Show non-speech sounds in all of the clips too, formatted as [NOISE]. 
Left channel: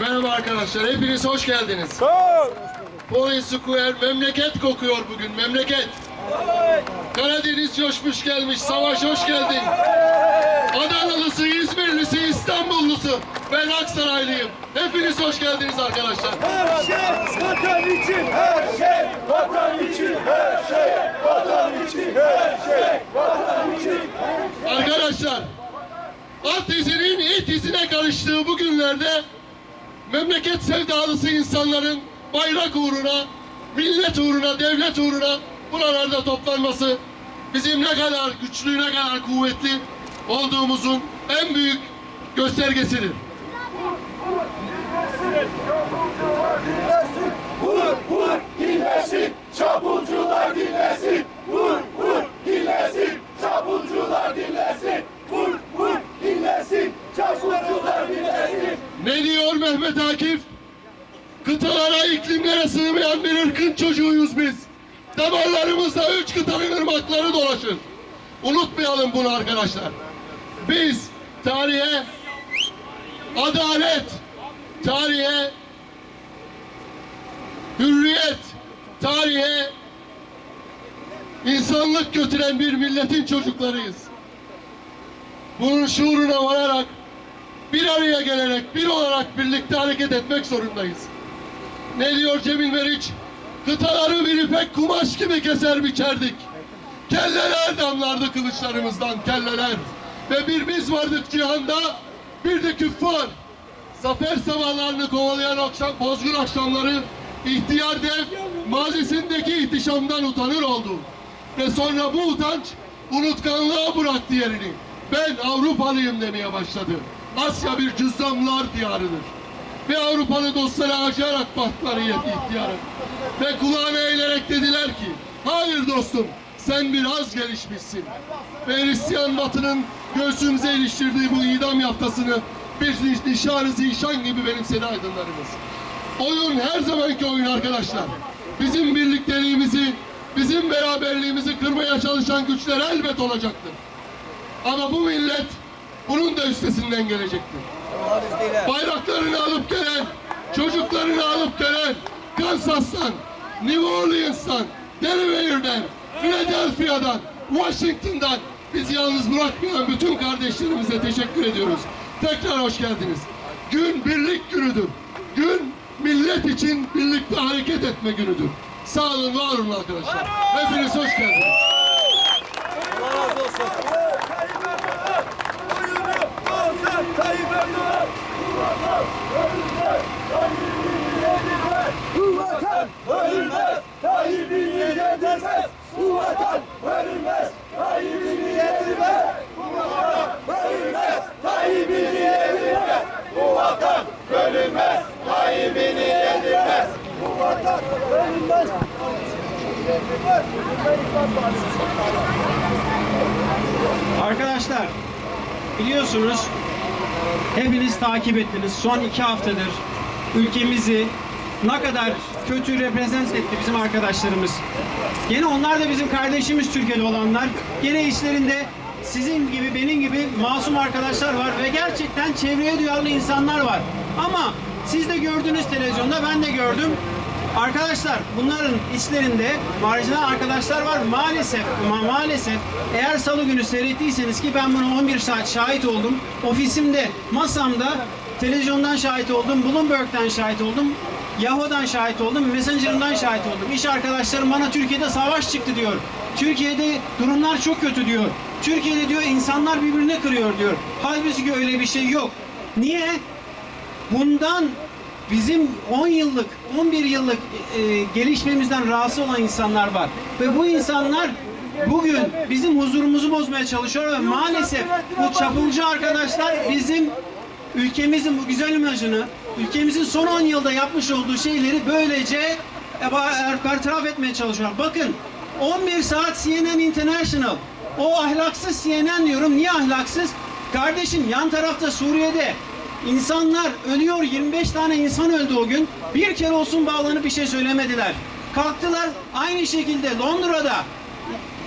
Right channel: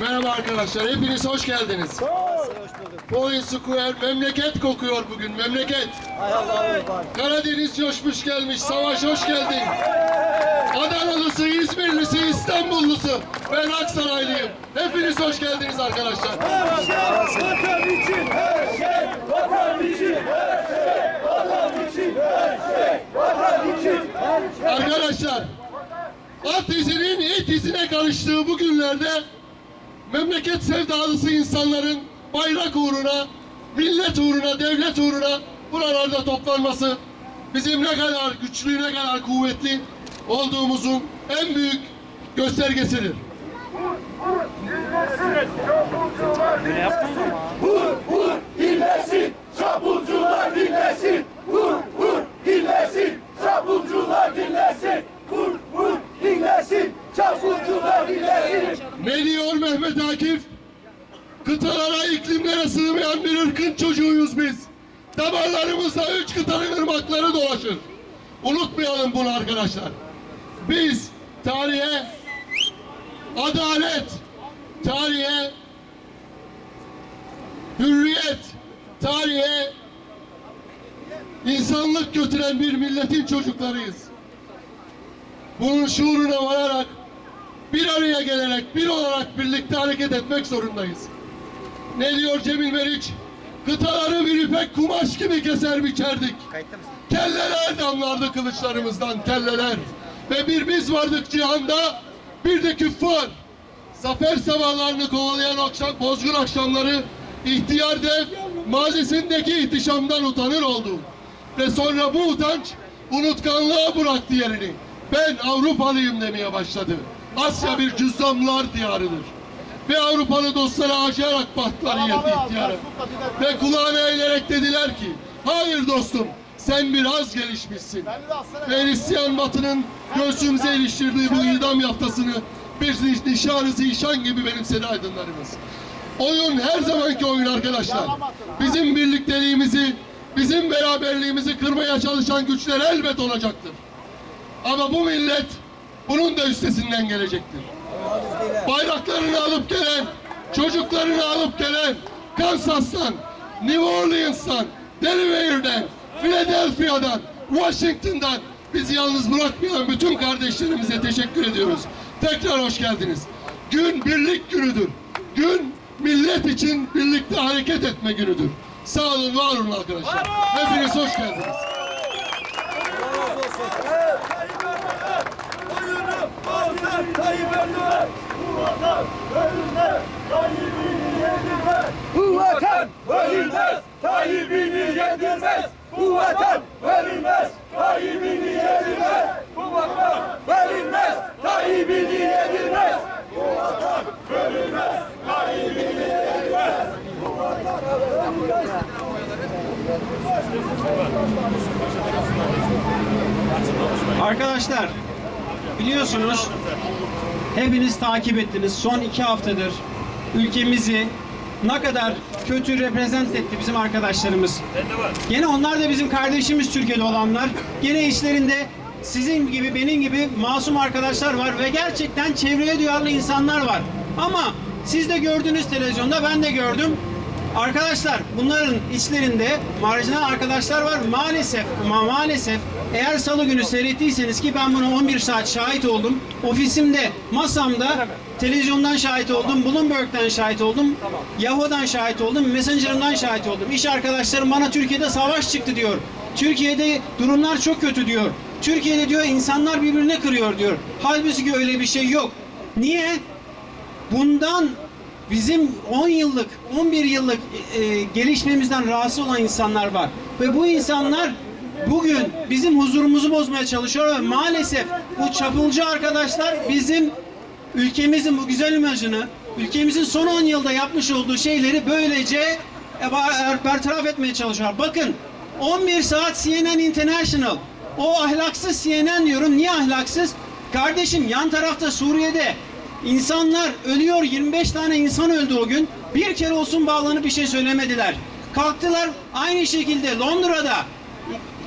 Merhaba arkadaşlar, hepiniz hoş geldiniz. Police Square memleket kokuyor bugün, memleket. Karadeniz coşmuş gelmiş, Savaş hoş geldin. Adanalısı, İzmirlisi, İstanbullusu, ben Aksaraylıyım. Hepiniz hoş geldiniz arkadaşlar. Her şey vatan için, her şey vatan için, her şey vatan için, her şey vatan için. Arkadaşlar, at izinin it izine karıştığı bu günlerde memleket sevdalısı insanların bayrak uğruna, millet uğruna, devlet uğruna buralarda toplanması bizim ne kadar güçlü, ne kadar kuvvetli olduğumuzun en büyük göstergesidir. Vur vur dinlesin, çapulcular dinlesin. Vur vur dinlesin, çapulcular dinlesin. Vur vur dinlesin, çapulcular dinlesin. Ne Mehmet Akif? Kıtalara, iklimlere sığmayan bir ırkın çocuğuyuz biz. Damarlarımızda üç kıtanın ırmakları dolaşır. Unutmayalım bunu arkadaşlar. Biz tarihe adalet, tarihe hürriyet, tarihe insanlık götüren bir milletin çocuklarıyız. Bunun şuuruna vararak bir araya gelerek, bir olarak birlikte hareket etmek zorundayız. Ne diyor Cemil Meriç? Kıtaları bir ipek kumaş gibi keser biçerdik. Kelleler damlardı kılıçlarımızdan, kelleler. Ve bir biz vardık cihanda, bir de küffar. Zafer sabahlarını kovalayan akşam, bozgun akşamları ihtiyar dev mazisindeki ihtişamdan utanır oldu. Ve sonra bu utanç unutkanlığa bıraktı yerini. Ben Avrupalıyım demeye başladı. Asya bir cüzdanlar diyarıdır. Ve Avrupalı dostları acıyarak baktılar ihtiyara. Ve kulağına eğilerek dediler ki, hayır dostum sen biraz gelişmişsin. Ve Hristiyan batının göğsümüze iliştirdiği bu idam yaftasını bir nişanı zişan gibi benimsedi aydınlarımız. Oyun her zamanki oyun arkadaşlar. Bizim birlikteliğimizi, bizim beraberliğimizi kırmaya çalışan güçler elbet olacaktır. Ama bu millet bunun da üstesinden gelecektir. Bayraklarını alıp gelen, çocuklarını alıp gelen Kansas'tan, New Orleans'tan, Delaware'den, Philadelphia'dan, Washington'dan bizi yalnız bırakmayan bütün kardeşlerimize teşekkür ediyoruz. Tekrar hoş geldiniz. Gün birlik günüdür. Gün millet için birlikte hareket etme günüdür. Sağ olun, var olun arkadaşlar. Hepiniz hoş geldiniz. Tayyip Erdoğan, oyunu bozan Tayyip Erdoğan. Bu vatan ölmez, Tayyip'ini yedirmez. Bu vatan ölmez, Tayyip'ini yedirmez. Bu vatan ölmez, Tayyip'ini yedirmez. Bu vatan ölmez, Tayyip'ini yedirmez. Bu vatan ölmez. Arkadaşlar biliyorsunuz hepiniz takip ettiniz. Son iki haftadır ülkemizi ne kadar kötü reprezent etti bizim arkadaşlarımız. Gene onlar da bizim kardeşimiz Türkiye'de olanlar. Gene içlerinde sizin gibi benim gibi masum arkadaşlar var ve gerçekten çevreye duyarlı insanlar var. Ama siz de gördünüz televizyonda ben de gördüm. Arkadaşlar bunların içlerinde marjinal arkadaşlar var. Maalesef ma maalesef eğer salı günü seyrettiyseniz ki ben buna 11 saat şahit oldum. Ofisimde, masamda televizyondan şahit oldum, Bloomberg'den şahit oldum, Yahoo'dan şahit oldum, Messenger'dan şahit oldum. İş arkadaşlarım bana Türkiye'de savaş çıktı diyor. Türkiye'de durumlar çok kötü diyor. Türkiye'de diyor insanlar birbirine kırıyor diyor. Halbuki öyle bir şey yok. Niye? Bundan bizim 10 yıllık, 11 yıllık e, gelişmemizden rahatsız olan insanlar var. Ve bu insanlar bugün bizim huzurumuzu bozmaya çalışıyor ve maalesef bu çapulcu arkadaşlar bizim ülkemizin bu güzel imajını, ülkemizin son 10 yılda yapmış olduğu şeyleri böylece e, bar- bertaraf etmeye çalışıyorlar. Bakın 11 saat CNN International o ahlaksız CNN diyorum. Niye ahlaksız? Kardeşim yan tarafta Suriye'de İnsanlar ölüyor. 25 tane insan öldü o gün. Bir kere olsun bağlanıp bir şey söylemediler. Kalktılar aynı şekilde Londra'da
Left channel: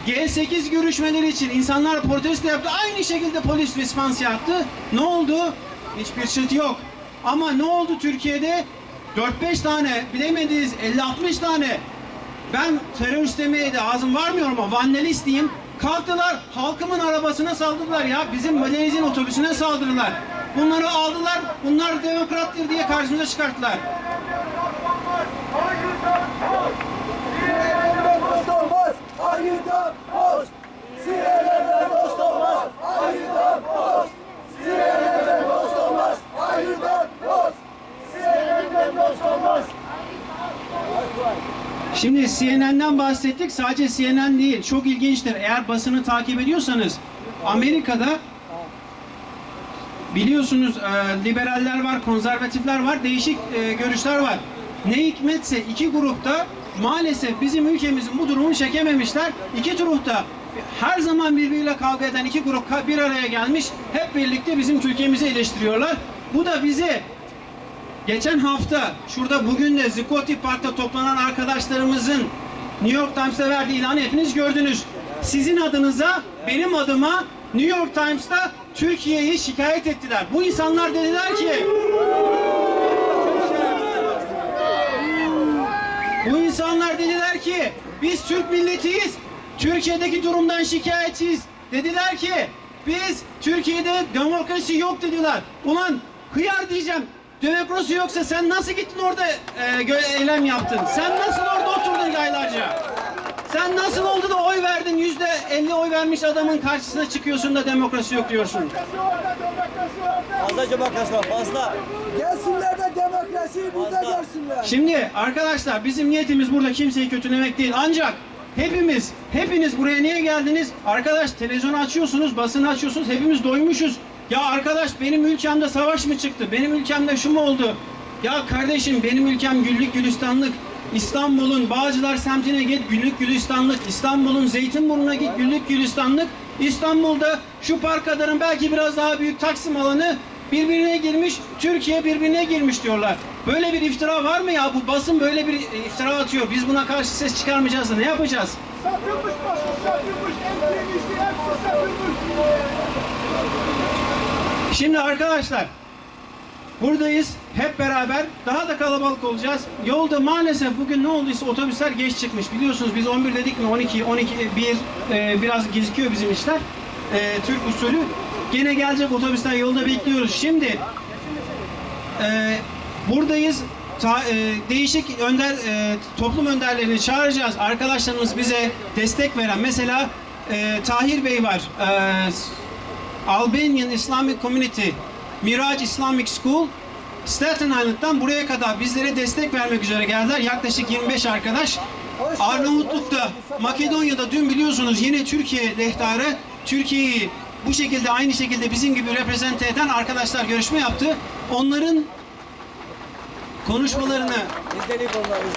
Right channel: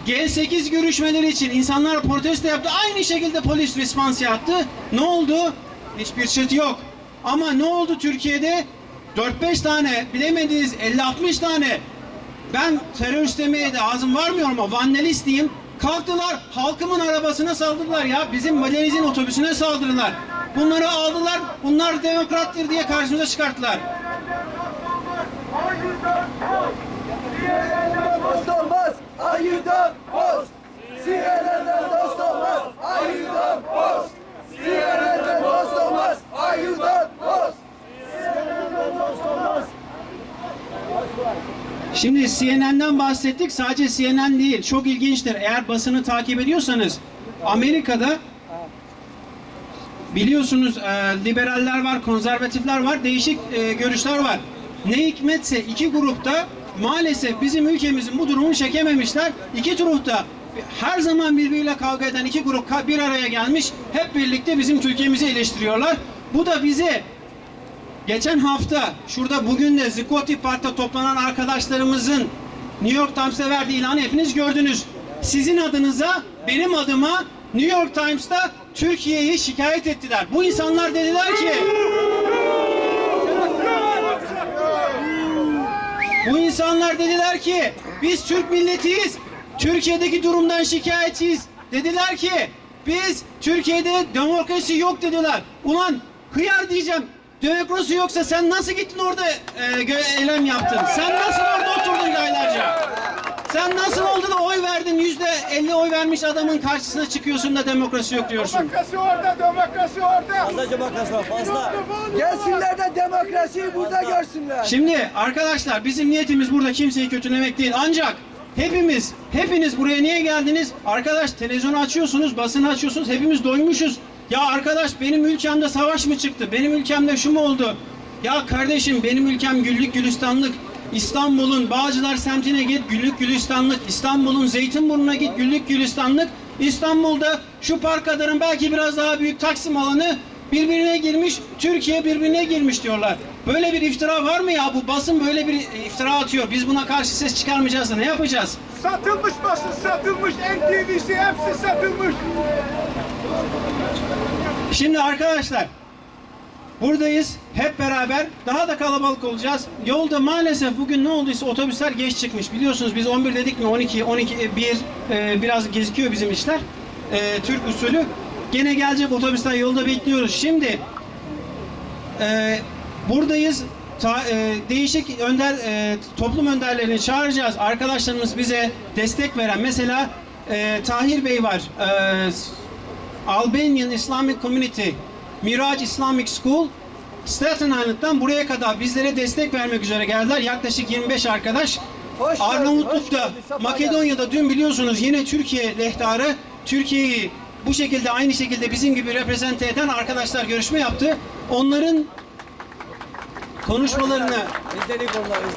G8 görüşmeleri için insanlar protesto yaptı. Aynı şekilde polis respons yaptı. Ne oldu? Hiçbir çıt yok. Ama ne oldu Türkiye'de? 4-5 tane, bilemediğiniz 50-60 tane. Ben terörist demeye de ağzım varmıyor ama vandalist diyeyim. Kalktılar halkımın arabasına saldırdılar ya. Bizim valenizin otobüsüne saldırdılar. Bunları aldılar. Bunlar demokrattır diye karşımıza çıkarttılar. Ayıdan post. CNN'den dost olmaz, ayıdan post. CNN'den dost olmaz, ayıdan post. CNN'den dost olmaz. Şimdi CNN'den bahsettik. Sadece CNN değil. Çok ilginçtir. Eğer basını takip ediyorsanız Amerika'da biliyorsunuz e, liberaller var, konservatifler var, değişik e, görüşler var. Ne hikmetse iki grupta maalesef bizim ülkemizin bu durumunu çekememişler. İki grupta her zaman birbiriyle kavga eden iki grup bir araya gelmiş. Hep birlikte bizim Türkiye'mizi eleştiriyorlar. Bu da bize Geçen hafta şurada bugün de Zikoti Park'ta toplanan arkadaşlarımızın New York Times'ta verdiği ilanı hepiniz gördünüz. Sizin adınıza, benim adıma New York Times'ta Türkiye'yi şikayet ettiler. Bu insanlar dediler ki Bu insanlar dediler ki biz Türk milletiyiz. Türkiye'deki durumdan şikayetçiyiz. Dediler ki biz Türkiye'de demokrasi yok dediler. Ulan hıyar diyeceğim. Demokrasi yoksa sen nasıl gittin orada e, eylem yaptın? Sen nasıl orada oturdun aylarca? Sen nasıl oldu da oy verdin? Yüzde elli oy vermiş adamın karşısına çıkıyorsun da demokrasi yok diyorsun. Demokrasi orada, demokrasi orada. Fazla demokrasi var fazla. Gelsinler de demokrasiyi burada görsünler. Şimdi arkadaşlar bizim niyetimiz burada kimseyi kötülemek değil. Ancak hepimiz, hepiniz buraya niye geldiniz? Arkadaş televizyonu açıyorsunuz, basını açıyorsunuz. Hepimiz doymuşuz. Ya arkadaş benim ülkemde savaş mı çıktı? Benim ülkemde şu mu oldu? Ya kardeşim benim ülkem güllük gülistanlık. İstanbul'un Bağcılar semtine git güllük gülistanlık. İstanbul'un Zeytinburnu'na git güllük gülistanlık. İstanbul'da şu park kadarın belki biraz daha büyük Taksim alanı birbirine girmiş, Türkiye birbirine girmiş diyorlar. Böyle bir iftira var mı ya? Bu basın böyle bir iftira atıyor. Biz buna karşı ses çıkarmayacağız da ne yapacağız? Satılmış basın, satılmış. NTV'si hepsi satılmış. Şimdi arkadaşlar buradayız hep beraber daha da kalabalık olacağız. Yolda maalesef bugün ne olduysa otobüsler geç çıkmış. Biliyorsunuz biz 11 dedik mi 12 12 1 e, biraz gecikiyor bizim işler. E, Türk usulü. Gene gelecek otobüsler yolda bekliyoruz. Şimdi e, buradayız. Ta- e, değişik önder e, toplum önderlerini çağıracağız. Arkadaşlarımız bize destek veren mesela e, Tahir Bey var. E, Albanian Islamic Community Miraç Islamic School Staten Island'dan buraya kadar bizlere destek vermek üzere geldiler. Yaklaşık 25 arkadaş. Hoş hoş Arnavutluk'ta, sefa Makedonya'da dün biliyorsunuz yine Türkiye lehtarı Türkiye'yi bu şekilde aynı şekilde bizim gibi reprezente eden arkadaşlar görüşme yaptı. Onların konuşmalarını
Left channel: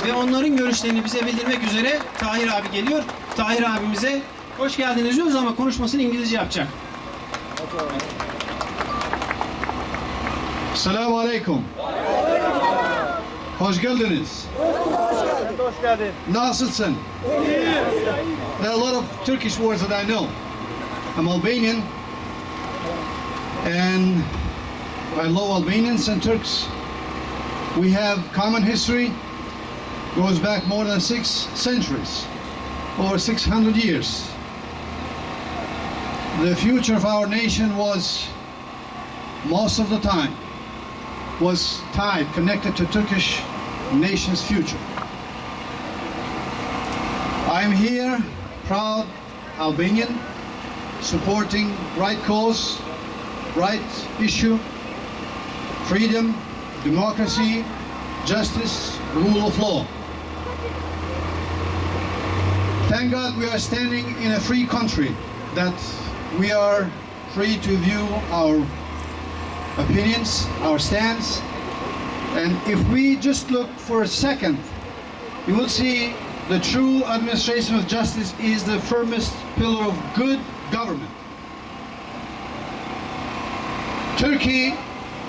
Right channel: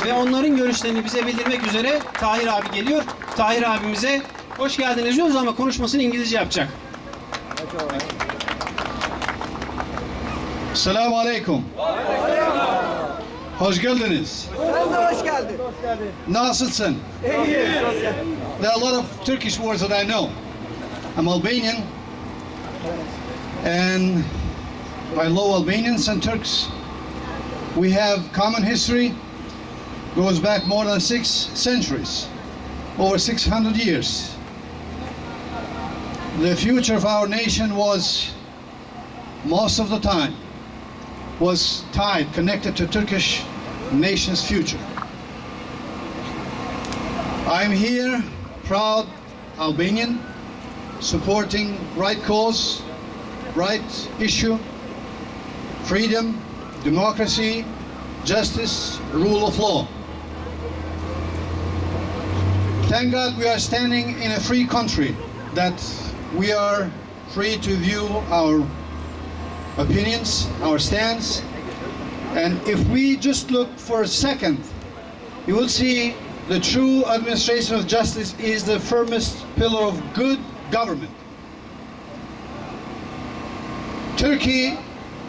ve onların görüşlerini bize bildirmek üzere Tahir abi geliyor. Tahir abimize hoş geldiniz diyoruz ama konuşmasını İngilizce yapacak. Selamun Aleyküm. Hoş geldiniz. Sen de hoş geldin. Nasılsın? There are a lot of Turkish words that I know. I'm Albanian, and I love Albanians and Turks. We have common history, goes back more than six centuries, over 600 years. The future of our nation was, most of the time, was tied, connected to Turkish nation's future. I'm here, proud Albanian, supporting right cause, right issue, freedom, democracy, justice, rule of law. Thank God we are standing in a free country, that we are free to view our opinions, our stance. And if we just look for a second, you will see the true administration of justice is the firmest pillar of good government. Turkey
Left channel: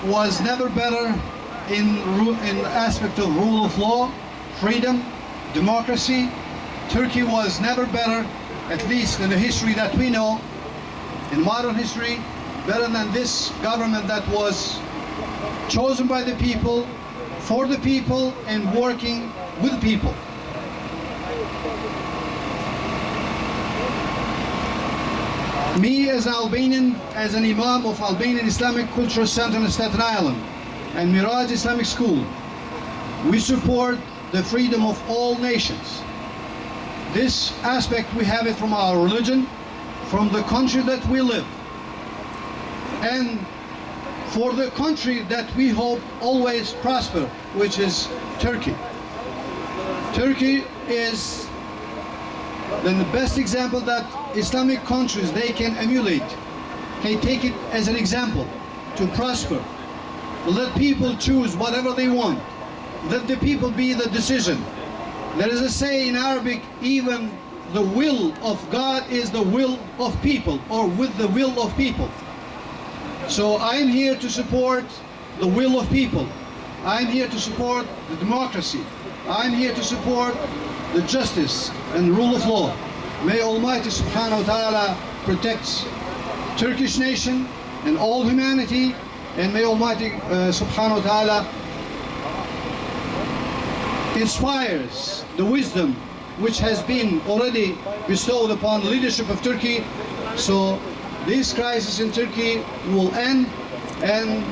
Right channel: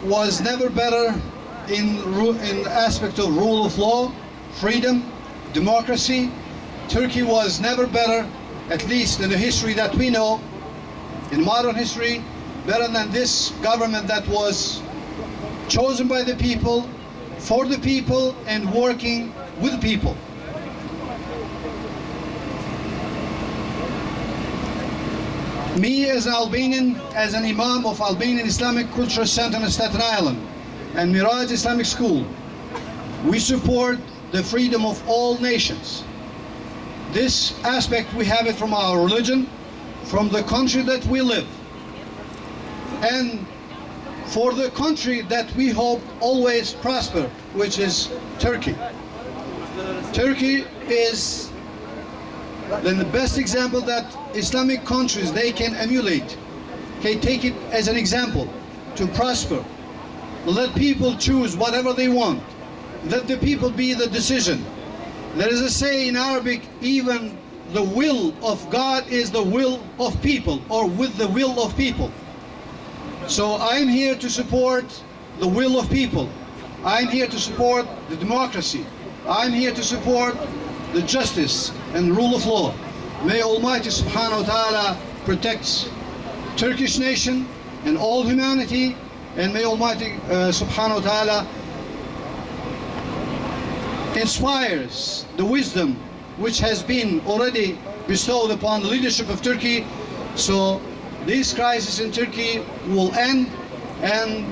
was never better in, in aspect of rule of law, freedom, democracy. Turkey was never better, at least in the history that we know, in modern history, better than this government that was chosen by the people, for the people, and working with the people. Me as an Albanian, as an Imam of Albanian Islamic Cultural Center in Staten Island and Miraj Islamic School, we support the freedom of all nations. This aspect we have it from our religion, from the country that we live, and for the country that we hope always prosper, which is Turkey. Turkey is then the best example that Islamic countries they can emulate, can take it as an example to prosper. Let people choose whatever they want. Let the people be the decision. There is a say in Arabic, even the will of God is the will of people, or with the will of people. So I'm here to support the will of people. I'm here to support the democracy. I'm here to support the justice and rule of law. May Almighty Subhanahu wa Ta'ala protect Turkish nation and all humanity and may Almighty uh, Subhanahu wa Ta'ala inspires the wisdom which has been already bestowed upon the leadership of Turkey so this crisis in Turkey will end and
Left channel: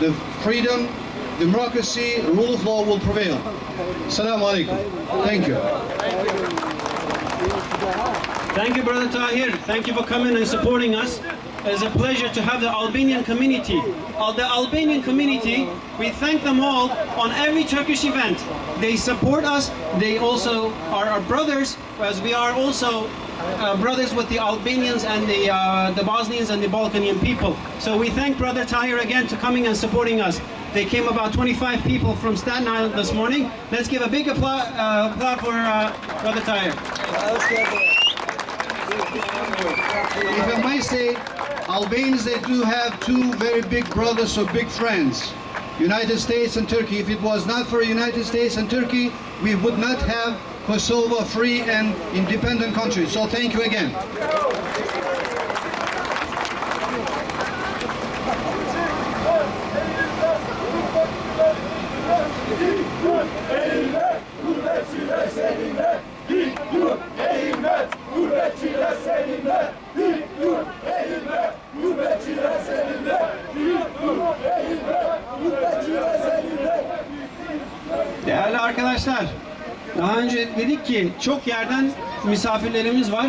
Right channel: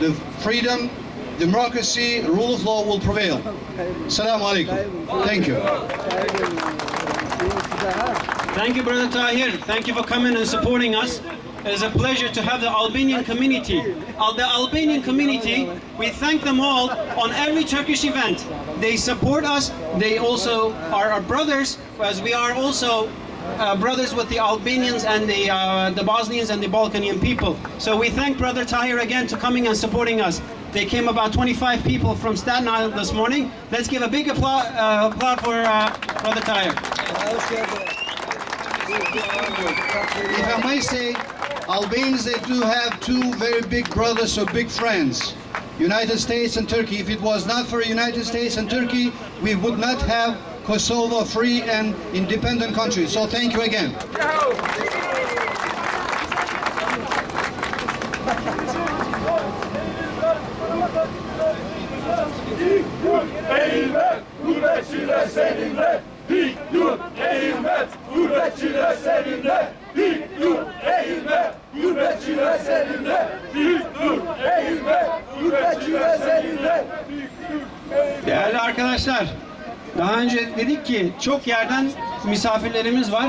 the freedom, democracy, rule of law will prevail. Assalamu alaikum. Thank you. Thank you, Brother Tahir. Thank you for coming and supporting us. It's a pleasure to have the Albanian community. Uh, the Albanian community, we thank them all on every Turkish event. They support us. They also are our brothers, as we are also uh, brothers with the Albanians and the uh, the Bosnians and the Balkanian people. So we thank Brother Tahir again to coming and supporting us. They came about 25 people from Staten Island this morning. Let's give a big applause, uh, applause for uh, Brother Tahir. If I may say, Albanians they do have two very big brothers or big friends, United States and Turkey. If it was not for United States and Turkey, we would not have Kosovo free and independent country. So thank you again. Değerli arkadaşlar, daha önce dedik ki çok yerden misafirlerimiz var.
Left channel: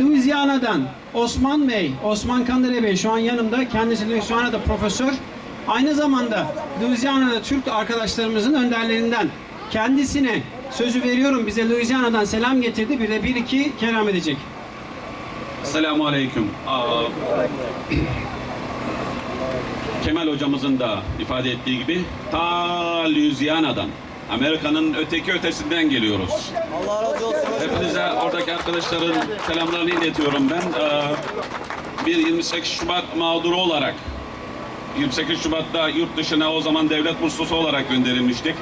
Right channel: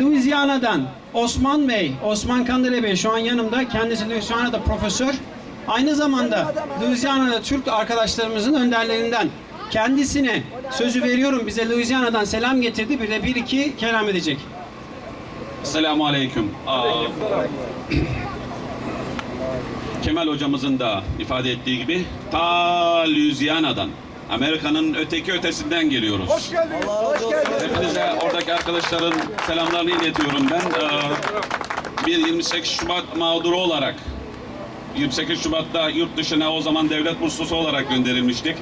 Louisiana'dan Osman Bey, Osman Kandile Bey şu an yanımda. Kendisi Louisiana'da profesör. Aynı zamanda Louisiana'da Türk arkadaşlarımızın önderlerinden. Kendisine sözü veriyorum bize Louisiana'dan selam getirdi. Bir de bir iki kelam edecek. Selamun Aleyküm. Kemal hocamızın da ifade ettiği gibi ta Louisiana'dan, Amerika'nın öteki ötesinden geliyoruz. Allah razı olsun. Hepinize oradaki arkadaşların selamlarını iletiyorum ben. Ee, bir 28 Şubat mağduru olarak 28 Şubat'ta yurt dışına o zaman devlet burslusu olarak gönderilmiştik.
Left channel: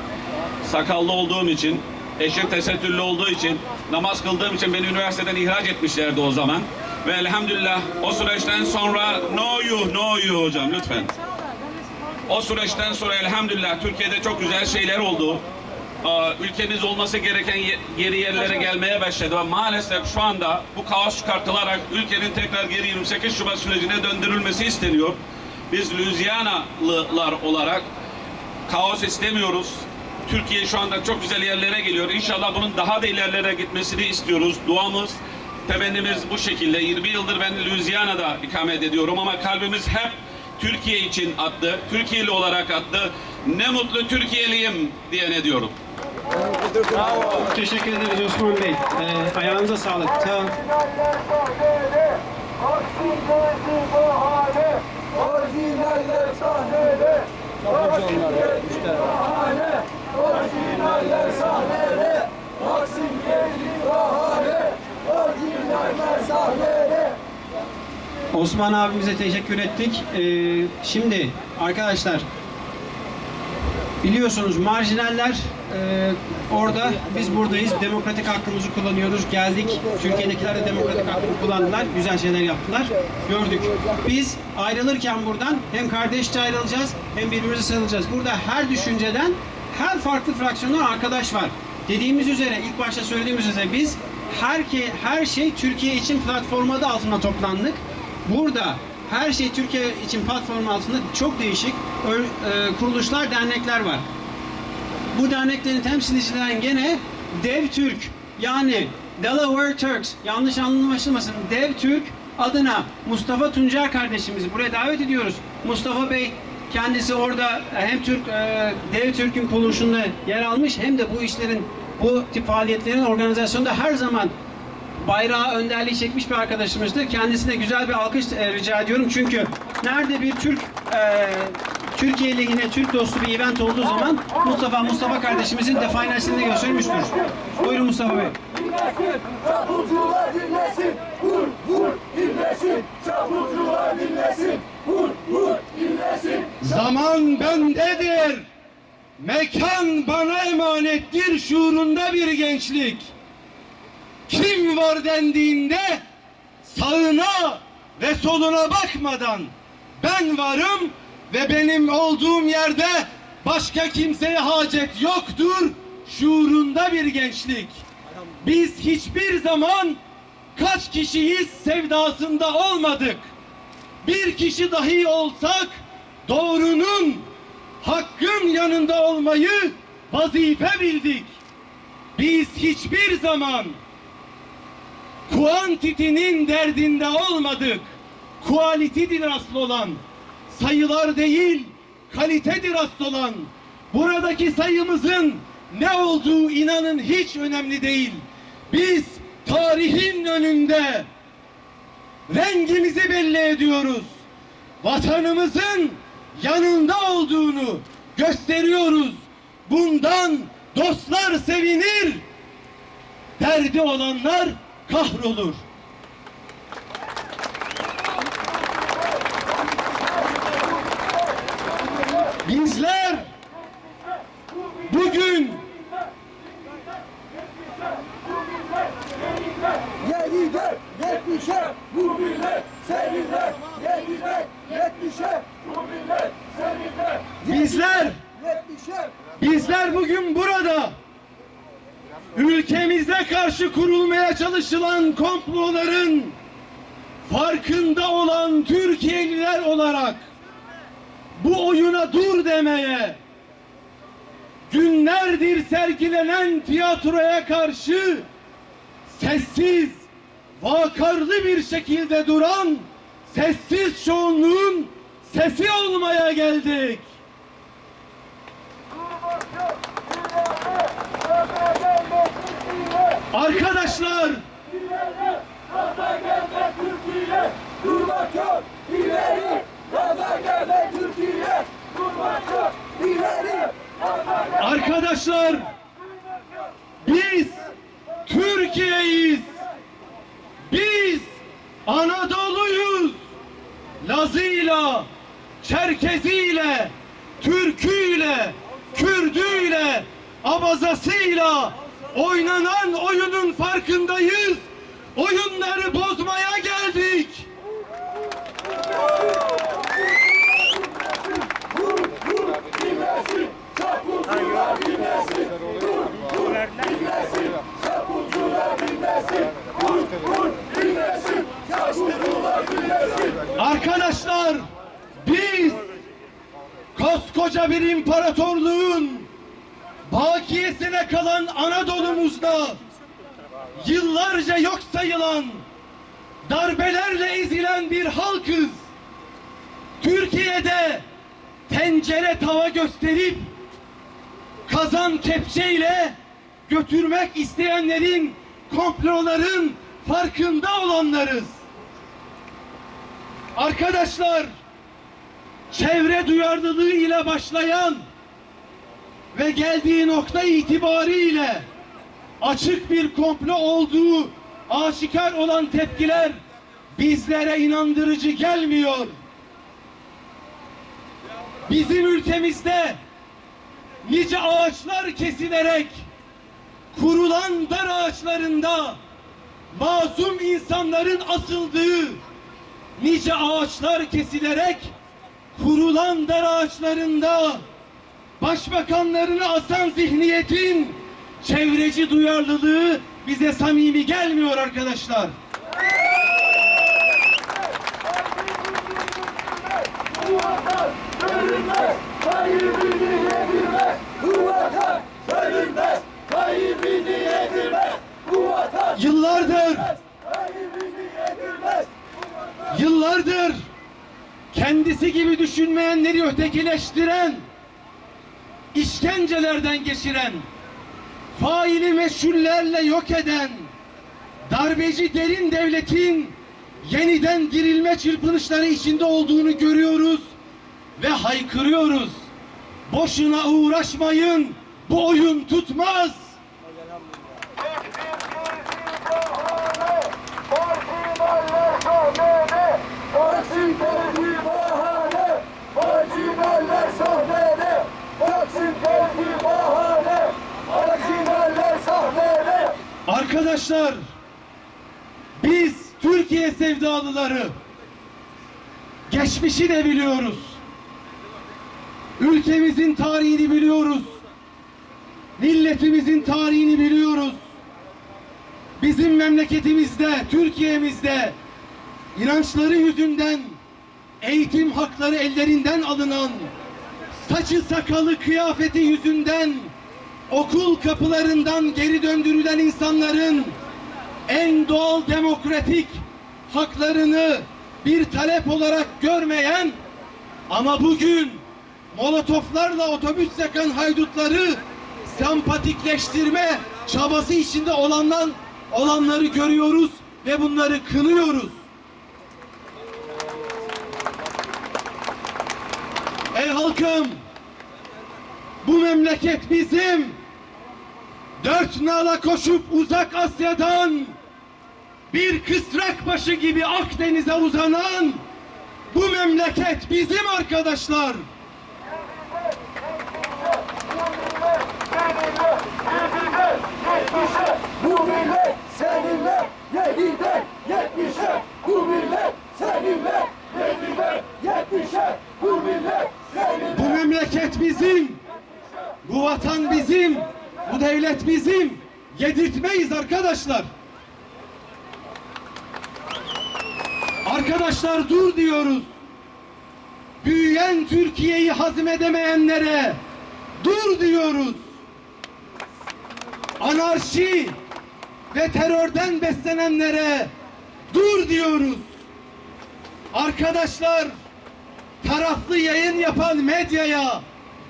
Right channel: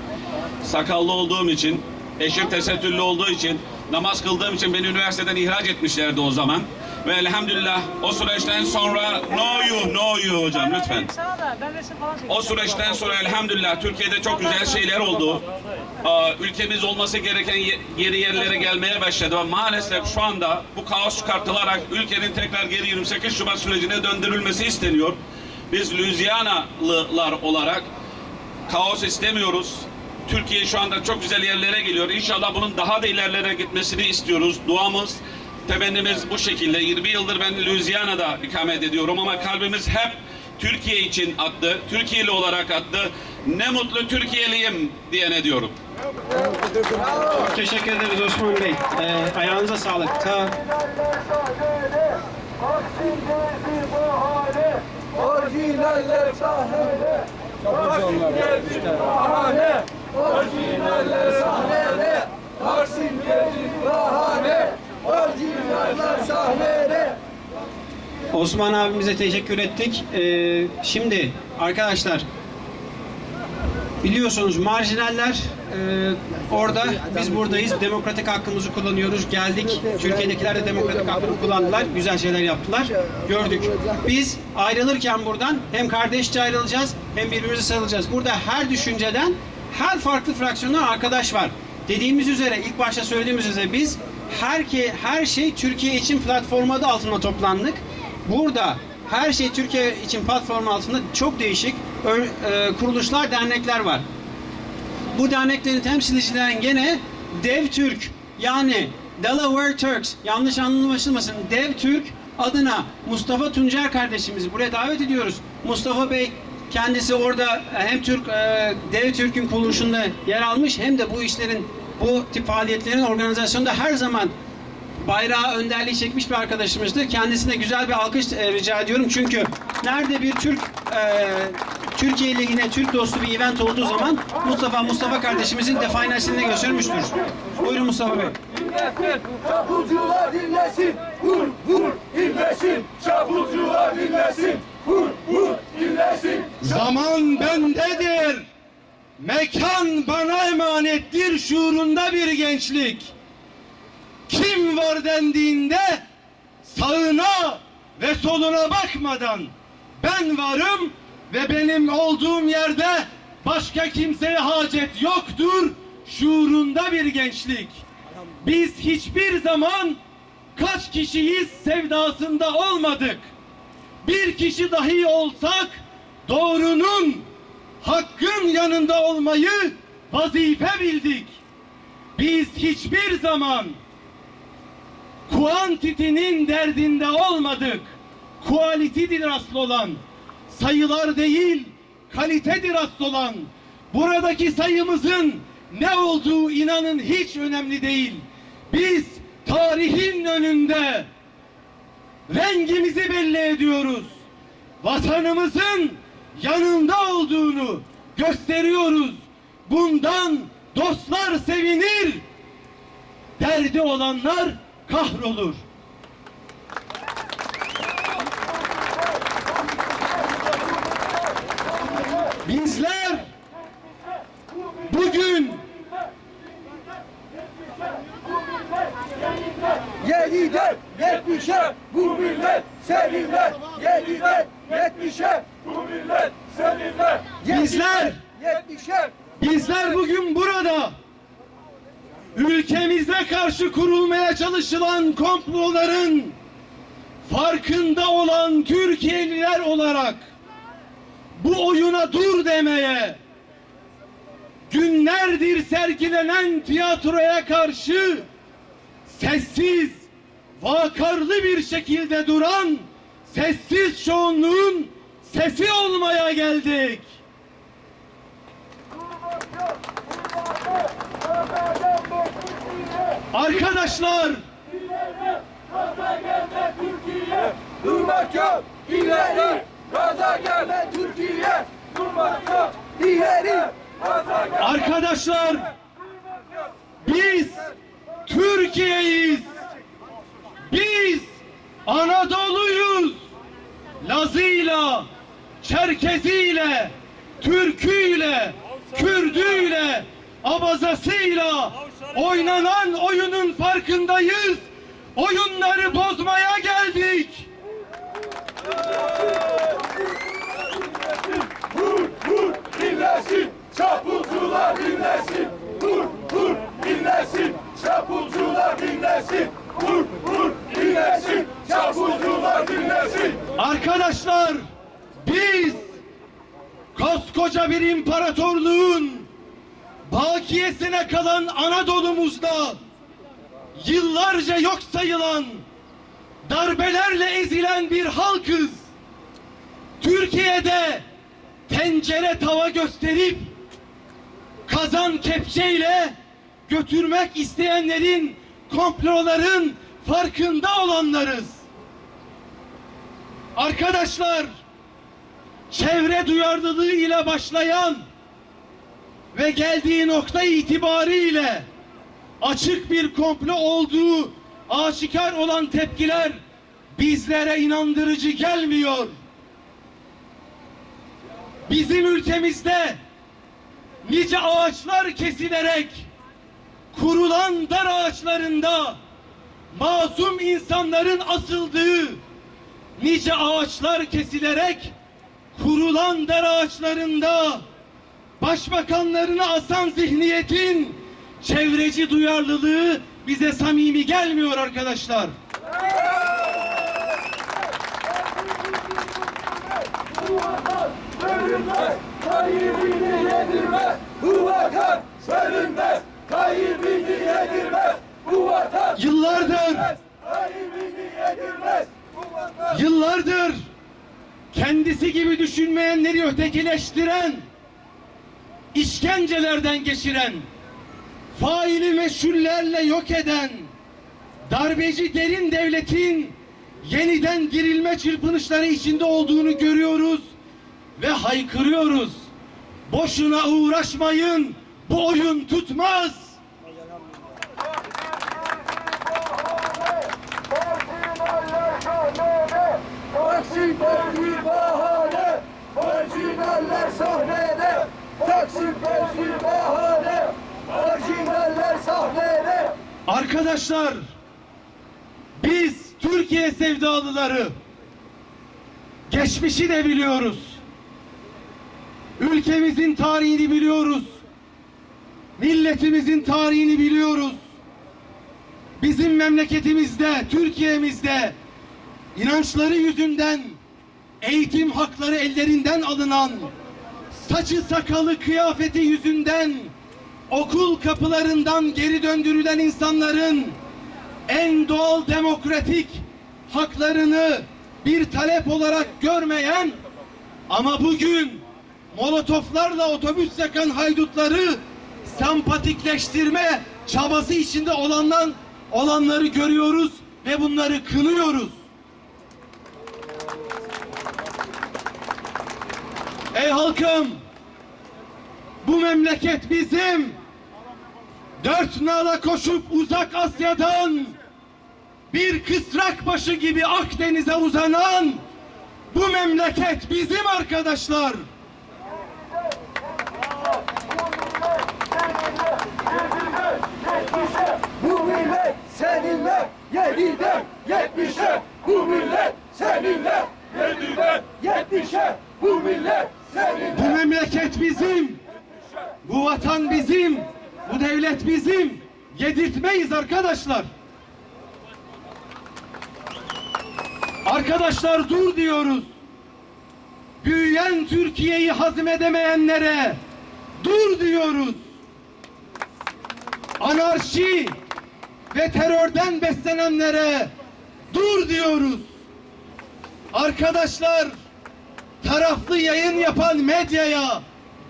Sakallı olduğum için, eşim tesettürlü olduğu için, namaz kıldığım için beni üniversiteden ihraç etmişlerdi o zaman. Ve elhamdülillah o süreçten sonra no you, no you hocam lütfen. O süreçten sonra elhamdülillah Türkiye'de çok güzel şeyler oldu. Ülkemiz olması gereken geri yerlere gelmeye başladı. Maalesef şu anda bu kaos çıkartılarak ülkenin tekrar geri 28 Şubat sürecine döndürülmesi isteniyor. Biz Louisiana'lılar olarak kaos istemiyoruz. Türkiye şu anda çok güzel yerlere geliyor. İnşallah bunun daha da ilerlere gitmesini istiyoruz. Duamız, temennimiz bu şekilde. 20 yıldır ben Louisiana'da ikamet ediyorum ama kalbimiz hep Türkiye için attı. Türkiye'li olarak attı. Ne mutlu Türkiye'liyim diyene diyorum. Teşekkür ederiz Osman Bey. Ee, ayağınıza sağlık. Hale. Orijinaller sahnede. Taksim gezi bahane. Orijinaller Osman abimize teşekkür ettik. Ee, şimdi arkadaşlar Biliyorsunuz marjinaller e, orada, biz buradayız. Demokratik hakkımızı kullanıyoruz. Geldik. Türkiye'dekiler de demokratik hakkını kullandılar. Güzel şeyler yaptılar. Gördük. Biz ayrılırken buradan hem kardeşçe ayrılacağız hem birbirimize sarılacağız. Burada her düşünceden her farklı fraksiyondan arkadaş var. Dediğimiz üzere, ilk başta söylediğimiz üzere biz her, ki, her şey Türkiye için platformu adı altında toplandık. Burada her şey Türkiye için platformu altında çok değişik e, kuruluşlar, dernekler var. Bu derneklerin temsilcilerin gene Dev Türk yani Delaware Turks yanlış anlaşılmasın Dev Türk adına Mustafa Tuncer kardeşimizi buraya davet ediyoruz. Mustafa Bey kendisi orada hem Türk e, Dev Türk'ün kuruluşunda yer almış hem de bu işlerin bu tip faaliyetlerin organizasyonunda her zaman bayrağı önderliği çekmiş bir arkadaşımızdır. Kendisine güzel bir alkış e, rica ediyorum. Çünkü nerede bir Türk e, Türkiye lehine Türk dostu bir event olduğu zaman Mustafa Mustafa kardeşimizin definasını göstermiştir. Buyurun Mustafa Bey. Çapulcular dinlesin, vur vur dinlesin, çapulcular dinlesin, vur vur dinlesin. Zaman bendedir. Mekan bana emanettir şuurunda bir gençlik. Kim var dendiğinde sağına ve soluna bakmadan ben varım ve benim olduğum yerde başka kimseye hacet yoktur şuurunda bir gençlik. Biz hiçbir zaman kaç kişiyiz sevdasında olmadık. Bir kişi dahi olsak doğrunun, hakkın yanında olmayı vazife bildik. Biz hiçbir zaman kuantitinin derdinde olmadık. Kualitidir asıl olan. Sayılar değil, kalitedir asıl olan. Buradaki sayımızın ne olduğu inanın hiç önemli değil. Biz tarihin önünde rengimizi belli ediyoruz. Vatanımızın yanında olduğunu gösteriyoruz. Bundan dostlar sevinir, derdi olanlar kahrolur. Bizler bugün Yedide yetmişe bu millet seninle, yedide yetmişe bu millet seninle. Bizler- Yetmişe Bizler bugün burada ülkemize karşı kurulmaya çalışılan komploların farkında olan Türkiye'liler olarak bu oyuna dur demeye günlerdir sergilenen tiyatroya karşı sessiz, vakarlı bir şekilde duran sessiz çoğunluğun sesi olmaya geldik. Arkadaşlar Türkiye, ileri. İleri. Arkadaşlar biz Türkiye'yiz. Biz Anadolu'yuz. Lazıyla, Çerkeziyle, Türküyle, Kürdüyle, Abazasıyla oynanan oyunun farkındayız. Oyunları bozmaya geldik. Vur vur dinlesin, çapulcular dinlesin. Vur vur dinlesin, çapulcular dinlesin. Vur vur dinlesin, çapulcular dinlesin. Arkadaşlar biz koskoca bir imparatorluğun bakiyesine kalan Anadolu'muzda yıllarca yok sayılan darbelerle ezilen bir halkız. Türkiye'de tencere tava gösterip kazan kepçeyle götürmek isteyenlerin komploların farkında olanlarız. Arkadaşlar, çevre duyarlılığı ile başlayan ve geldiği nokta itibariyle açık bir komplo olduğu aşikar olan tepkiler bizlere inandırıcı gelmiyor. Bizim ülkemizde nice ağaçlar kesilerek kurulan dar ağaçlarında masum insanların asıldığı nice ağaçlar kesilerek kurulan dar ağaçlarında başbakanlarını asan zihniyetin çevreci duyarlılığı bize samimi gelmiyor arkadaşlar. Yıllardır Yıllardır kendisi gibi düşünmeyenleri ötekileştiren, işkencelerden geçiren, faili meşhullerle yok eden, darbeci derin devletin yeniden dirilme çırpınışları içinde olduğunu görüyoruz ve haykırıyoruz. Boşuna uğraşmayın, bu oyun tutmaz. Marjinaller sahnede, Taksim devri bahane. Marjinaller sahnede, Taksim devri bahane. Marjinaller sahnede. Arkadaşlar, biz Türkiye sevdalıları geçmişi de biliyoruz. Ülkemizin tarihini biliyoruz. Milletimizin tarihini biliyoruz. Bizim memleketimizde, Türkiye'mizde inançları yüzünden eğitim hakları ellerinden alınan, saçı sakalı kıyafeti yüzünden okul kapılarından geri döndürülen insanların en doğal demokratik haklarını bir talep olarak görmeyen ama bugün molotoflarla otobüs yakan haydutları sempatikleştirme çabası içinde olanlar olanları görüyoruz ve bunları kınıyoruz. Ey halkım! Bu memleket bizim. Dört nala koşup uzak Asya'dan bir kısrak başı gibi Akdeniz'e uzanan bu memleket bizim arkadaşlar. Bu millet seninle yediden yetmişe Bu millet seninle yediden yetmişe Bu millet seninle Bu memleket bizim. Bu vatan bizim. Bu devlet bizim. Yedirtmeyiz arkadaşlar. Arkadaşlar dur diyoruz. Büyüyen Türkiye'yi hazmedemeyenlere dur diyoruz. Anarşi ve terörden beslenenlere dur diyoruz. Arkadaşlar taraflı yayın yapan medyaya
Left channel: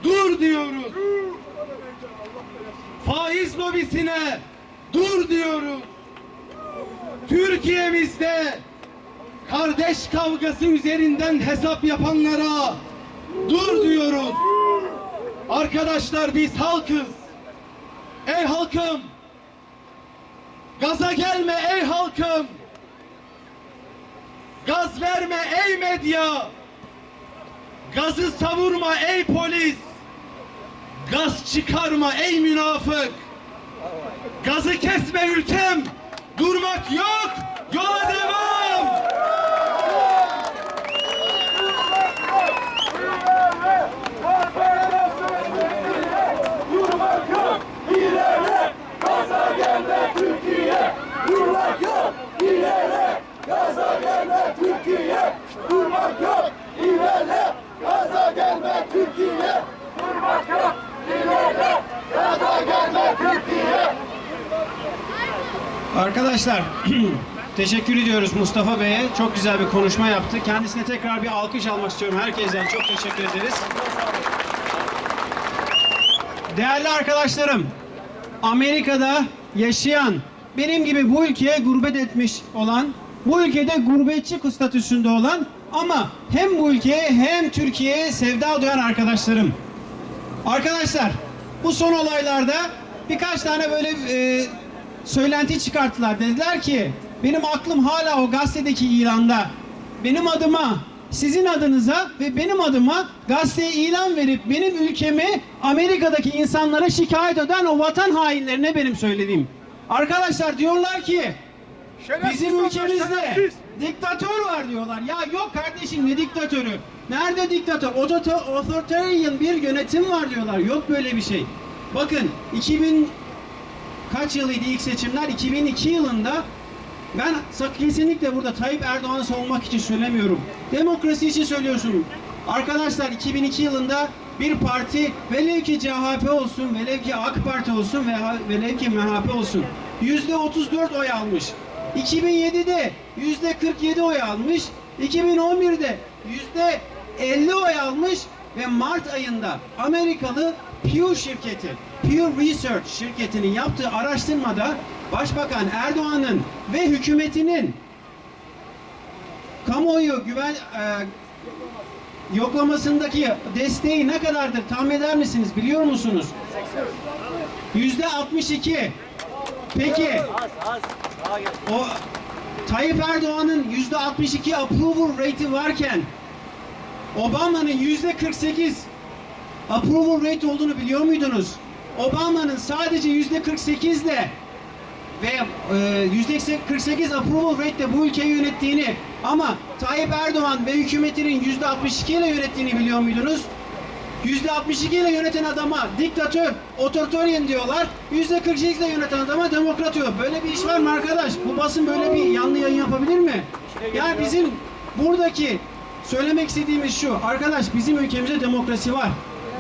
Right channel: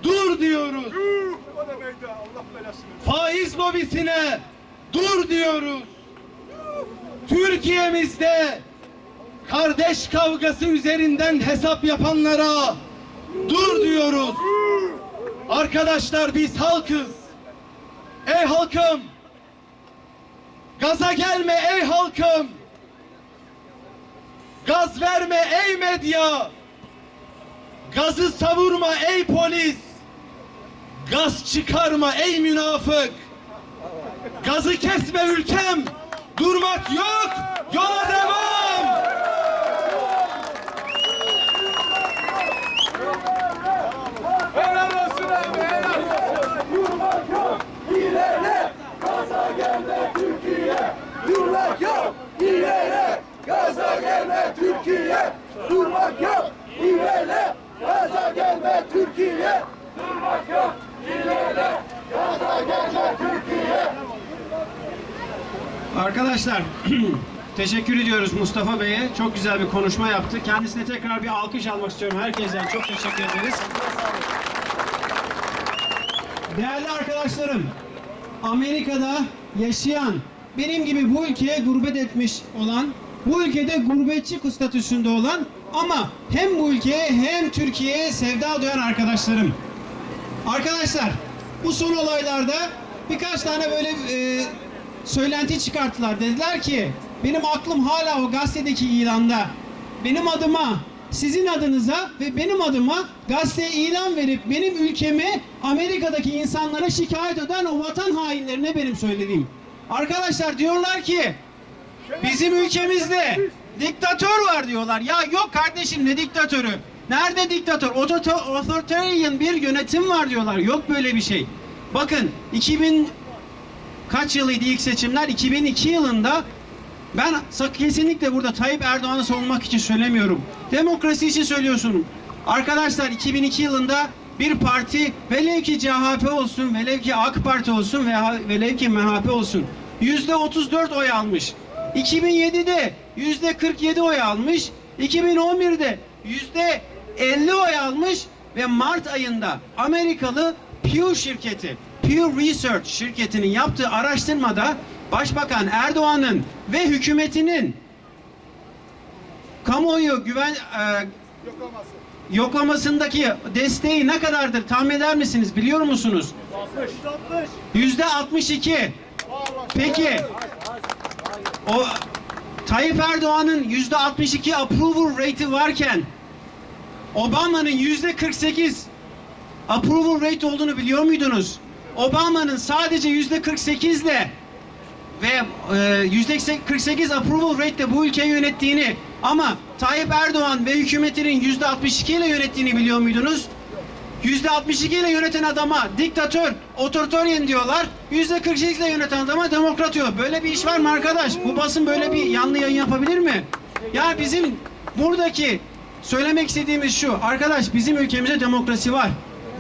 dur diyoruz. Faiz lobisine dur diyoruz. Türkiye'mizde kardeş kavgası üzerinden hesap yapanlara dur diyoruz. Arkadaşlar biz halkız. Ey halkım! Gaza gelme ey halkım! Gaz verme ey medya! Gazı savurma ey polis! Gaz çıkarma ey münafık! Gazı kesme ülkem! Durmak yok! Yola devam! Durmak yok ileri Gaza gelme Türkiye Durmak yok ileri Gaza gelme Türkiye Durmak yok ileri Gaza gelme Türkiye Durmak yok Arkadaşlar [CLEARS THROAT] teşekkür ediyoruz Mustafa Bey'e. Çok güzel bir konuşma yaptı. Kendisine tekrar bir alkış almak istiyorum. Herkesten çok teşekkür ederiz. Değerli arkadaşlarım, Amerika'da yaşayan, benim gibi bu ülkeye gurbet etmiş olan, bu ülkede gurbetçi statüsünde olan ama hem bu ülkeye hem Türkiye'ye sevda duyan arkadaşlarım. Arkadaşlar bu son olaylarda birkaç tane böyle e, söylenti çıkarttılar. Dediler ki benim aklım hala o gazetedeki ilanda. Benim adıma sizin adınıza ve benim adıma gazeteye ilan verip benim ülkemi Amerika'daki insanlara şikayet eden o vatan hainlerine benim söylediğim. Arkadaşlar diyorlar ki bizim ülkemizde diktatör var diyorlar. Ya yok kardeşim ne diktatörü? Nerede diktatör? Otorita- Authoritarian bir yönetim var diyorlar. Yok böyle bir şey. Bakın 2000 kaç yılıydı ilk seçimler? 2002 yılında ben kesinlikle burada Tayyip Erdoğan'ı savunmak için söylemiyorum. Demokrasi için söylüyorsun. Arkadaşlar 2002 yılında bir parti velev ki CHP olsun, velev ki AK Parti olsun veya velev ki MHP olsun yüzde 34 oy almış. 2007'de yüzde 47 oy almış. 2011'de yüzde 50 oy almış ve Mart ayında Amerikalı Pew şirketi, Pew Research şirketinin yaptığı araştırmada Başbakan Erdoğan'ın ve hükümetinin kamuoyu güven e, yoklamasındaki desteği ne kadardır tahmin eder misiniz? Biliyor musunuz? Yüzde 62. Peki o Tayyip Erdoğan'ın yüzde 62 approval rate'i varken Obama'nın yüzde 48 approval rate olduğunu biliyor muydunuz? Obama'nın sadece yüzde 48 ile ve e, yüzde 48 approval rate ile bu ülkeyi yönettiğini ama Tayyip Erdoğan ve hükümetinin yüzde 62 ile yönettiğini biliyor muydunuz? Yüzde 62 ile yöneten adama diktatör, otoriteryen diyorlar. Yüzde 48 ile yöneten adama demokrat diyor. Böyle bir iş var mı arkadaş? Bu basın böyle bir yanlı yayın yapabilir mi? Yani bizim buradaki söylemek istediğimiz şu. Arkadaş bizim ülkemizde demokrasi var.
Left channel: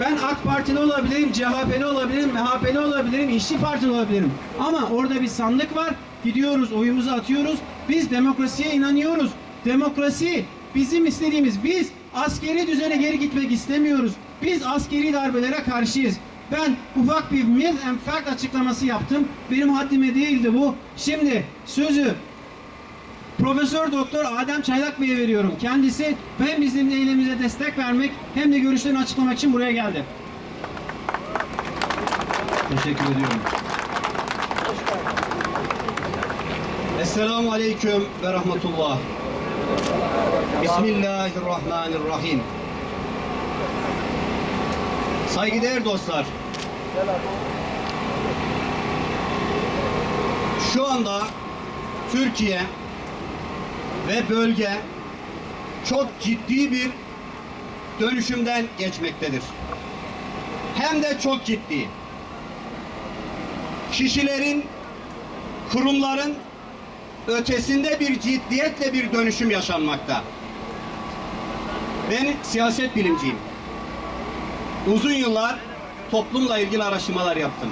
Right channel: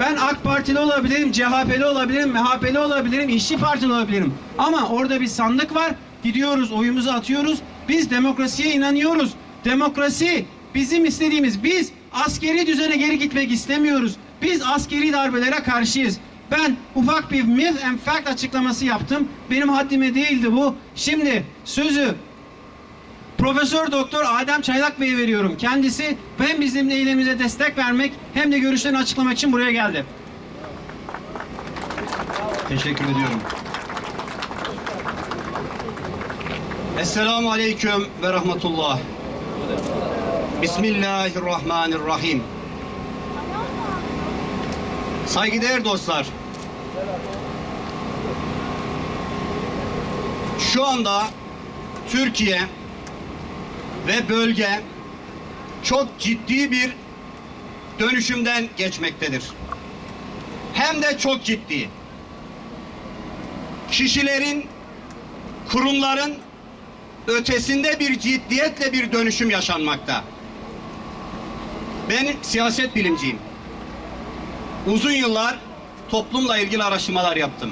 Ben AK Partili olabilirim, CHP'li olabilirim, MHP'li olabilirim, İşçi Partili olabilirim. Ama orada bir sandık var. Gidiyoruz, oyumuzu atıyoruz. Biz demokrasiye inanıyoruz. Demokrasi bizim istediğimiz. Biz askeri düzene geri gitmek istemiyoruz. Biz askeri darbelere karşıyız. Ben ufak bir myth and fact açıklaması yaptım. Benim haddime değildi bu. Şimdi sözü Profesör Doktor Adem Çaylak Bey'e veriyorum. Kendisi hem bizim eylemimize destek vermek hem de görüşlerini açıklamak için buraya geldi. Teşekkür ediyorum. Esselamu Aleyküm ve Rahmetullah. Bismillahirrahmanirrahim. Saygıdeğer dostlar. Şu anda Türkiye ve bölge çok ciddi bir dönüşümden geçmektedir. Hem de çok ciddi kişilerin, kurumların ötesinde bir ciddiyetle bir dönüşüm yaşanmakta. Ben siyaset bilimciyim. Uzun yıllar toplumla ilgili araştırmalar yaptım.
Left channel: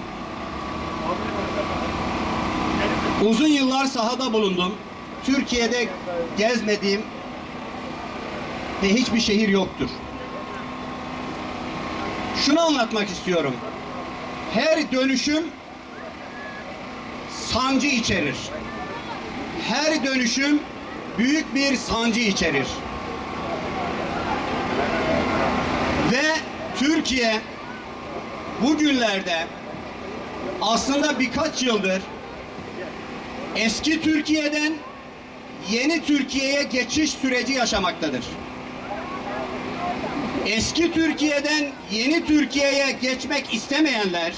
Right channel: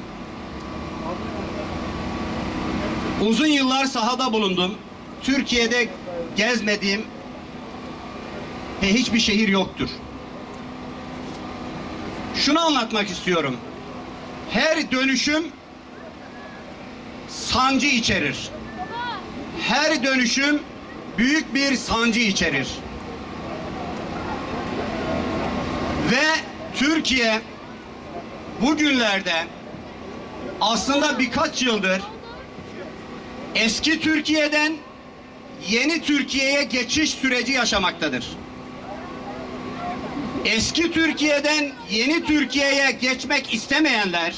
Uzun yıllar sahada bulundum. Türkiye'de gezmediğim ve hiçbir şehir yoktur. Şunu anlatmak istiyorum. Her dönüşüm sancı içerir. Her dönüşüm büyük bir sancı içerir. Ve Türkiye bugünlerde aslında birkaç yıldır eski Türkiye'den yeni Türkiye'ye geçiş süreci yaşamaktadır. Eski Türkiye'den yeni Türkiye'ye geçmek istemeyenler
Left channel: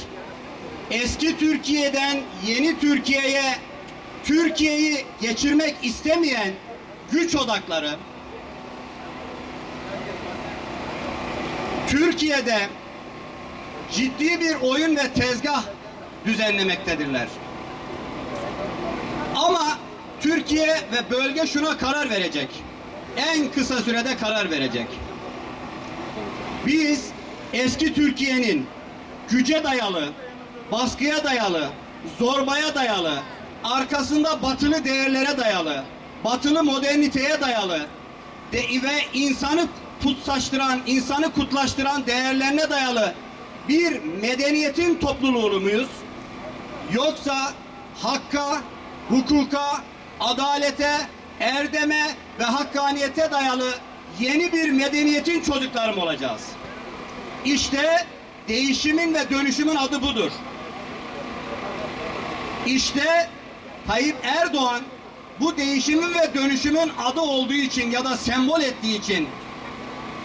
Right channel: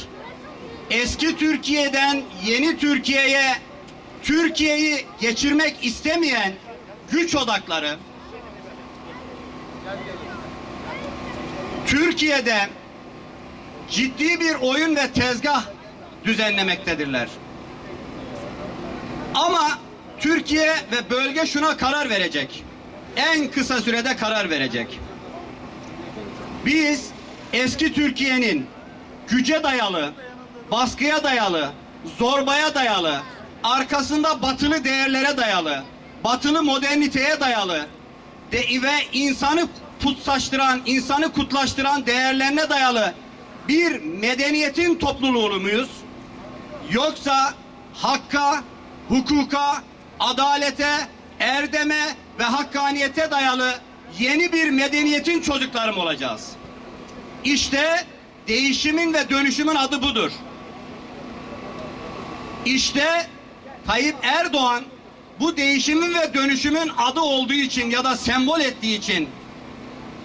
eski Türkiye'den yeni Türkiye'ye Türkiye'yi geçirmek istemeyen güç odakları Türkiye'de ciddi bir oyun ve tezgah düzenlemektedirler. Ama Türkiye ve bölge şuna karar verecek. En kısa sürede karar verecek. Biz eski Türkiye'nin güce dayalı, baskıya dayalı, zorbaya dayalı, arkasında batılı değerlere dayalı, batılı moderniteye dayalı de ve insanı putsaştıran, insanı kutlaştıran değerlerine dayalı bir medeniyetin topluluğu muyuz? Yoksa hakka, hukuka, adalete, erdeme ve hakkaniyete dayalı yeni bir medeniyetin çocukları mı olacağız? İşte değişimin ve dönüşümün adı budur. İşte Tayyip Erdoğan bu değişimin ve dönüşümün adı olduğu için ya da sembol ettiği için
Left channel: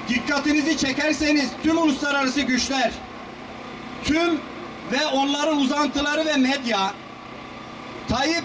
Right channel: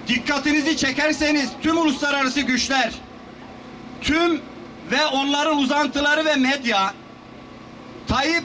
dikkatinizi çekerseniz tüm uluslararası güçler, tüm ve onların uzantıları ve medya Tayyip